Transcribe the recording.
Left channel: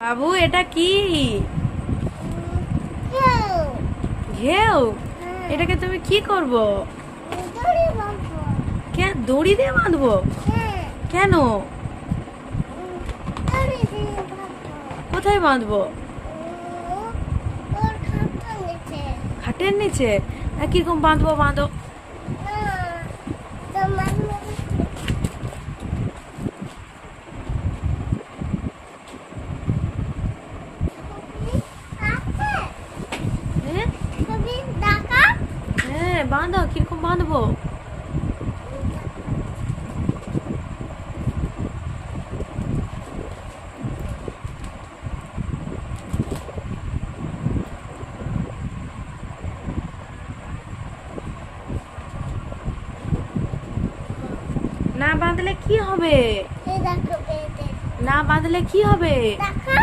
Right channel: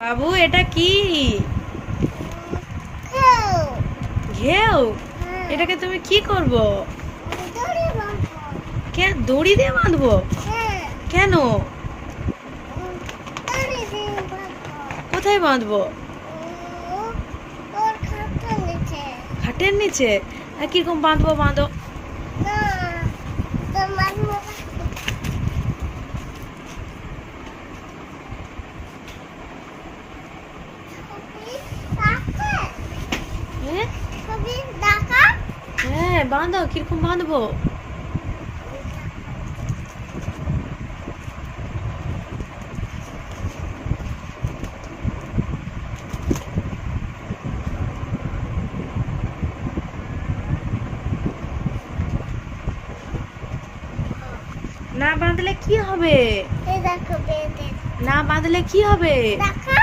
বাবু এটা কি? ঘেউ। ঘেউ? হ্যাঁ। এটাকে তুমি কি করবো? দড়ি বাঁধবো। দড়ি দিয়ে বাঁধবো? হ্যাঁ। কেন? দড়ি দিয়ে বাঁধবো। কোথায় বাঁধবো? ওর খাটের নিচে। খাটের নিচে? কিরকম বাঁধবো, বাঁধো। না, তোমার মতো আছে? হ্যাঁ ছবি দেখা? হ্যাঁ, বাঁধো। কিরকম বাঁধবো? না বাঁধলে কি হবে? এই দেখো বেঁধে। না বাঁধলে কি হবে? দেখা?